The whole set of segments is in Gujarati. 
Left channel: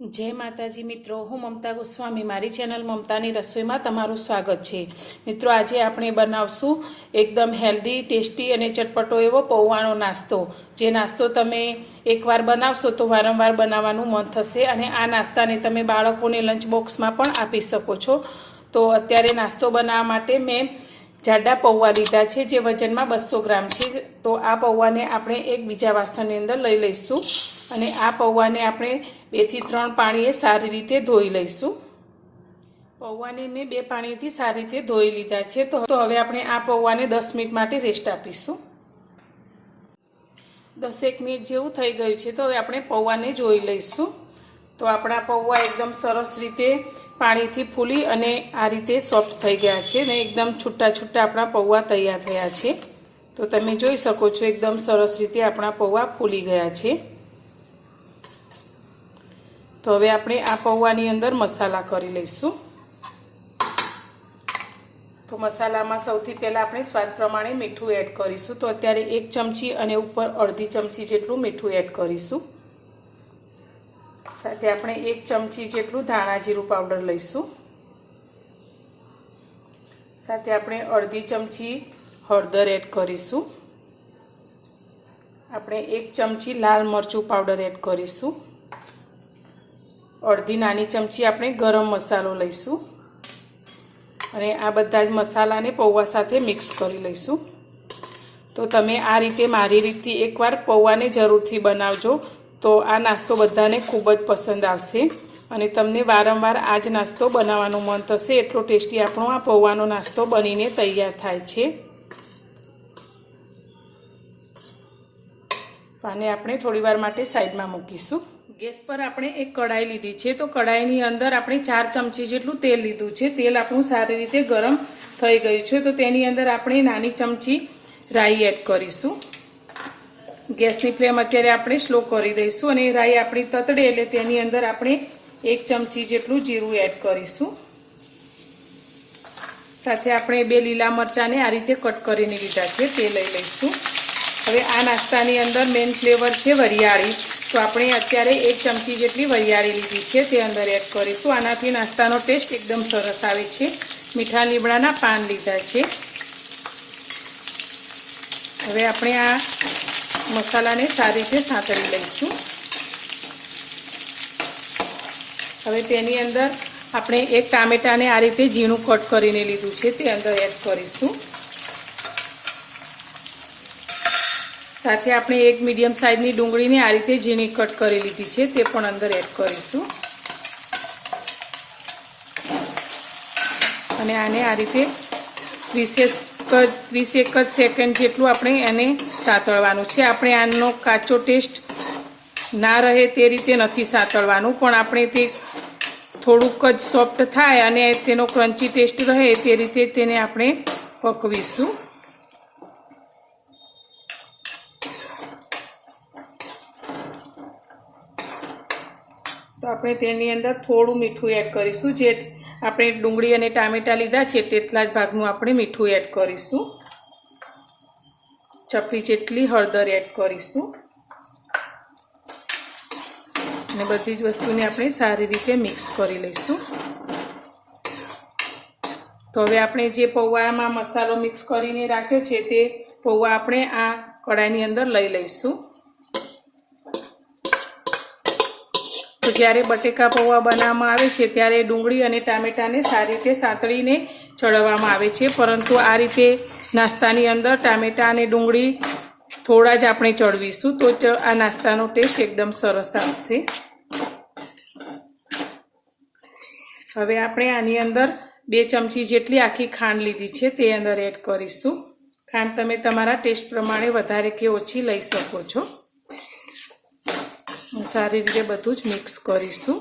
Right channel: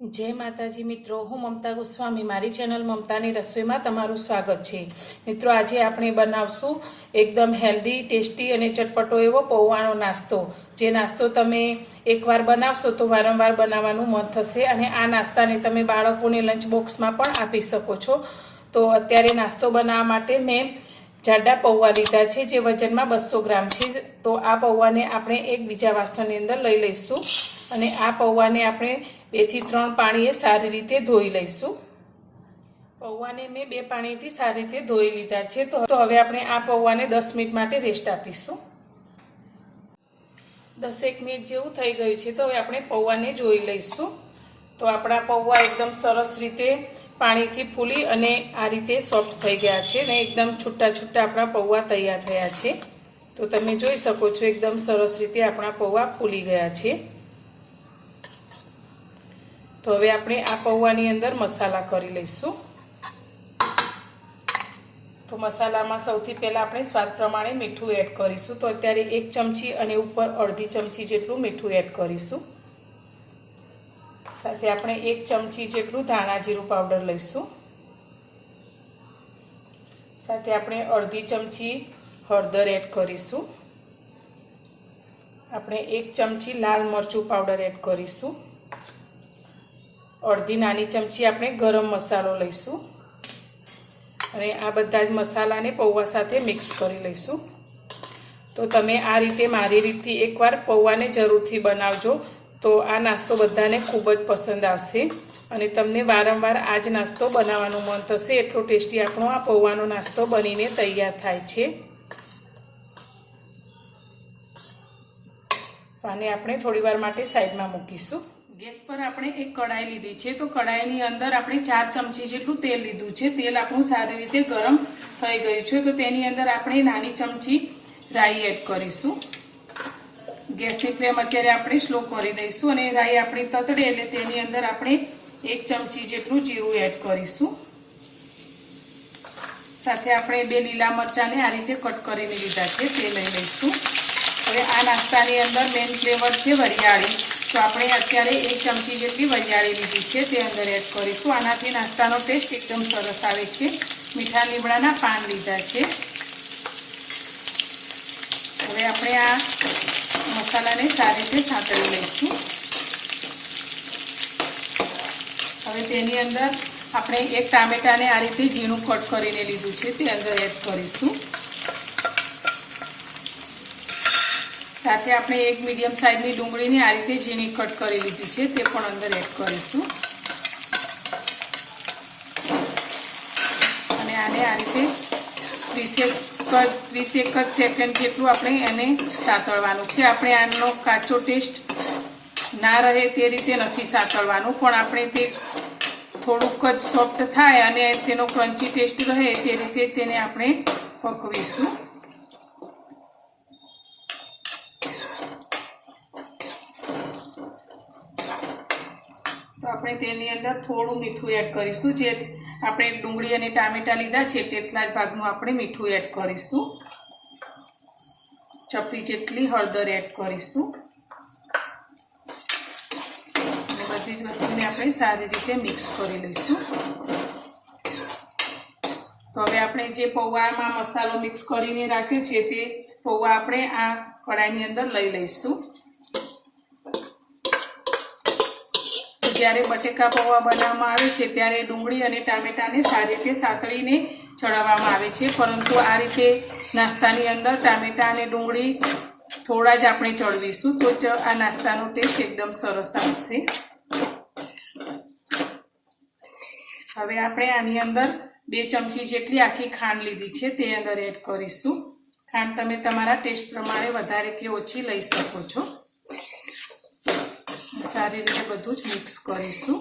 जय माताजी मित्रों, हूँ ममता गोस्वामी मारी चेनल ममतानी रसोई में तमारुं स्वागत है। मित्रों, आज आपणे बनावशुं एकदम हेल्दी टेस्टी और चटपटो एवो पौवानो नास्तो। जे नास्तो तमे एकवार बनावशो तो वारंवार बनाववानुं मन थशे अने आ नास्ताने तमे बाळकोने लंच बॉक्स में पण आपी शको छो। तो अत्यारे नास्तो बनाववा माटे मैं जाडा पौवा लीधा छे, जे वजन में 200 ग्राम छे। तो आ पौवाने आपणे एक बीजा वासणनी अंदर लई लईशुं અને આ પૌવાને આપણે 2 થી 3 પાણીએ સારી રીતે ધોઈ લઈશું। પૌવાને મેં 2 પાણીથી સારી રીતે ધોઈ લીધા છે। તો હવે આપણે આ પૌવાને 10 મિનિટ માટે રેસ્ટ આપીશું। 10 મિનિટ જેવું થઈ ગયું છે, તો હવે આપણે પૌવાને જોઈ લઈશું। તો આપણા પૌવા એકદમ સરસ રીતે પાણીથી ફૂલી અને આ રીતે સોફ્ટ થઈ ગયા છે અને એકદમ છૂટા છૂટા આપણા પૌવા તૈયાર થયા છે। તો તમે જોઈ શકો છો એકદમ સરસ રીતે આપણા પૌવા ફૂલી ગયા છે। तो हवे आपणे आ पौवानी अंदर मसाला करी लईशुं। तो मसालामां सौथी पहेला आपणे स्वाद प्रमाणे मीठुं एड करीशुं। तो अत्यारे 1 चमची अने उपर अर्धी चमची जेटલું मीठुं एड करीशुं। साथे आपणे 1 चमची जेटલું धाणा जीरुं पाउडर लईशुं। साथे आपणे अर्धी चमची हळदर एड करीशुं। आपणे 1 चमची लाल मरचुं पाउडर एड करीशुं। अर्धी नानी चमची आपणे गरम मसालो लईशुं अने आ बधा ज मसालाने पौवा साथे मिक्स करी लईशुं। तो तमे आ रीते मारी रीतथी एकवार पौवाने जरूरथी बनावजो। तो आ नास्तो बधाने खूब ज पसंद आवशे अने तमने वारंवार आ ज नास्तो बनाववानुं मन थशे। एटलो टेस्टी आपणो आ पौवानो नास्तो बनीने तैयार थाय छे। तो आने आपणे थोड़ीवार माटे साइडमां मूकीशुं। गैस पर आपणे एक कढ़ाई लीधी छे। तो कढ़ाईनी अंदर आपणे 4 चमची जेटલું तेल लीधुं छे। तेल आपणुं सारी रीते गरम थई गयुं छे। तो तेनी अंदर आपणे नानी चमची राई एड करीशुं। गैसनी फ्लेम अत्यारे आपणे स्लो करी दईशुं अने राई आपणी ततडे એટલે तेनी अंदर आपणे 1 चमची जेटલું जीरुं एड करीशुं। साथे आपणे 2 લીલા મરચાને आ रीते कट करीने लीधा छे, ते लई लईशुं। हवे आ नाસ્તાની અંદર मेन फ्लेवर छे वरियाળી। तो आपणे अत्यारे 1 चमची जेटली वरियाળી लीधी छे, ते अंदर एड करीशुं। आनाथी नाસ્તાનો टेस्ट एकदम सरस आवे छे। मीठा લીમડાના પાન લીधा छे। हवे आपणे आ मसालाने सारी रीते सातળી लईशुं। हवे तेनी अंदर आपणे 1 टामेटाने आ रीते झीणुं कट करीने लीधुं छे, ते अंदर एड करीशुं। साथे आपणे 1 मीडियम साइजनी डूंगळीने आ रीते झीणी कट करी लीधी छे, ते पण अंदर एड करीशुं अने आने आ रीते 30 सेकंड जेटલું આપણે એને સાતળવાનું છે। આપણે આનો કાચો ટેસ્ટ ના રહે તે રીતે નથી સાતળવાનું, પણ આપણે તે થોડુંક જ સોફ્ટ થાય અને તેનો ક્રન્ચી ટેસ્ટ રહે તે રીતે તેને આપણે પકવીશું। तो आपणे तेनी अंदर थोड़ुं मीठुं एड करीशुं। जे आपणे डूंगળી અને ટામેટા લીધા છે તેટલા જ ભાગનું આપણે મીઠું એડ કરીશું। ચપટી જેટલી હળદર એડ કરીશું અને બધી જ વસ્તુને આપણે સારી રીતે મિક્સ કરી લઈશું। તો હવે આપણે જે પૌવામાં મસાલો મિક્સ કરીને રાખ્યો છે તે પૌવા આપણે આ કડાઈની અંદર લઈ લઈશું। तो જ્યારે બટેકા પૌવા બનાવવામાં આવે છે ત્યારે ડુંગળી અને ટામેટાને સારી રીતે સાતળીને ચડવવામાં આવે છે, પરંતુ આ રીતે નાસ્તાની અંદર ટામેટા અને ડુંગળી થોડા જ આપણે ચડવીશું તો આ નાસ્તાનો ટેસ્ટ એકદમ સરસ આવશે। હવે આપણે આની અંદર 2 ચમચી જેટલી આખી ખાંડ લીધી છે, તે અંદર એડ કરીશું। ખાંડ તમે તમારા ટેસ્ટ પ્રમાણે વધારે કે ઓછી લઈ શકો છો। सारी रीते बधुं ज मिक्स करीशुं।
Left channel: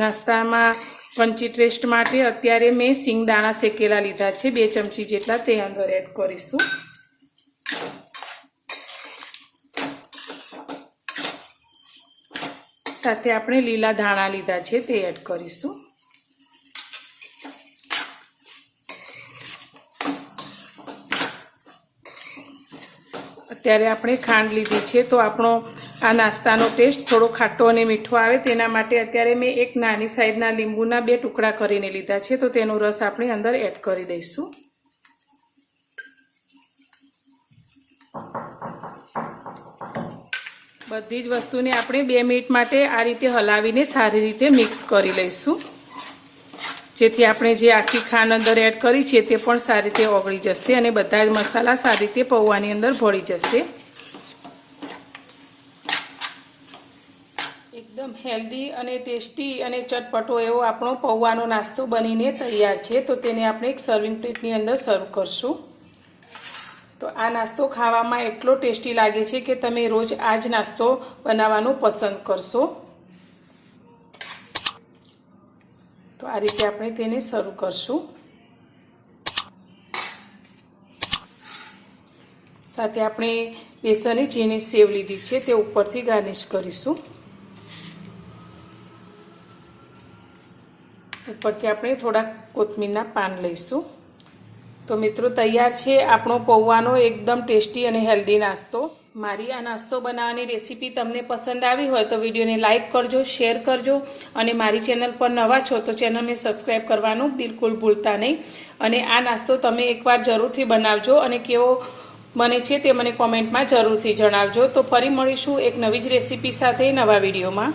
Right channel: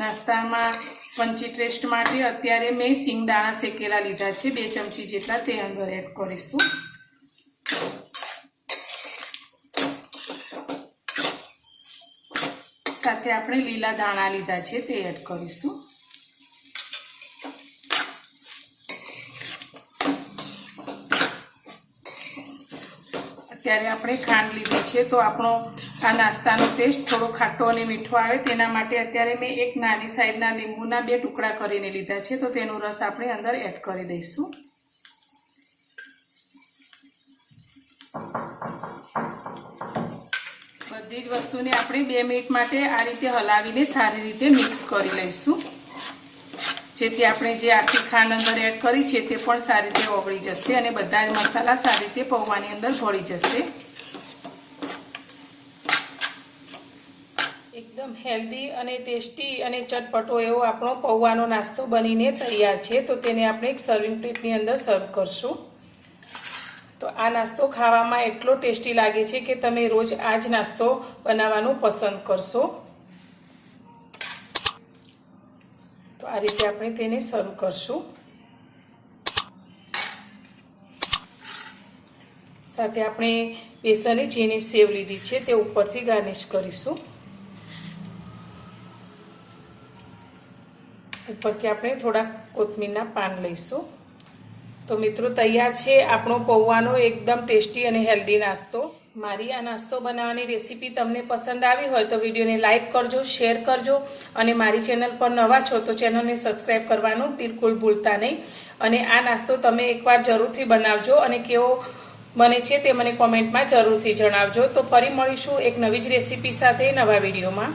नास्ता में पंची टेस्ट माटे अत्यारे मैं सींगदाणा शेकेला लीधा छे, 2 चमची जेटला ते अंदर एड करीशुं। साथे आपणे लीला धाणा लीधा छे ते एड करीशुं। અત્યારે આપણે ખાંડ લીધી છે તો આપણો આ નાસ્તાનો ટેસ્ટ થોડો ખાટો અને મીઠો આવે તેના માટે અત્યારે મેં એક નાની સાઈઝના લીંબુના 2 ટુકડા કરીને લીધા છે, તો તેનો રસ આપણે અંદર એડ કરી દઈશું. બધી જ વસ્તુને આપણે 2 મિનિટ માટે આ રીતે હલાવીને સારી રીતે મિક્સ કરી લઈશું, જેથી આપણે જે આખી ખાંડ અંદર એડ કરી છે તે પણ સારી રીતે ઓગળી જશે અને બધા જ મસાલા સારી રીતે પૌવાની અંદર ભળી જશે. એકદમ હેલ્ધી અને ટેસ્ટી અને ચટપટો એવો આપણો પૌવાનો નાસ્તો બનીને તૈયાર છે. તો તેને આપણે એક સર્વિંગ પ્લેટની અંદર સર્વ કરશું. તો આ નાસ્તો ખાવામાં એટલો ટેસ્ટી લાગે છે કે તમે રોજ આ જ નાસ્તો બનાવવાનું પસંદ કરશો. તો આ રીતે આપણે તેને સર્વ કરશું. સાથે આપણે બેસનની ચીની સેવ લીધી છે, તે ઉપરથી ગાર્નિશ કરીશું. ઉપરથી આપણે થોડા કોથમીરના પાન લઈશું. તો મિત્રો તૈયાર છે આપણો પૌવાનો એકદમ ટેસ્ટી અને હેલ્ધી નાસ્તો. મારી આ નાસ્તો બનાવવાની રેસીપી તમને પસંદ આવી હોય તો વિડીયોને લાઇક કરજો, શેર કરજો અને મારી ચેનલ પર નવા છો તો ચેનલને સબસ્ક્રાઈબ કરવાનું બિલકુલ ભૂલતા નહીં. અને આ નાસ્તો તમે એકવાર જરૂરથી બનાવજો અને કેવો બને છે તે મને કોમેન્ટમાં જરૂરથી જણાવજો. તો ફરી મળીશું એક નવી જ રેસીપી સાથે નવા વિડીયોમાં.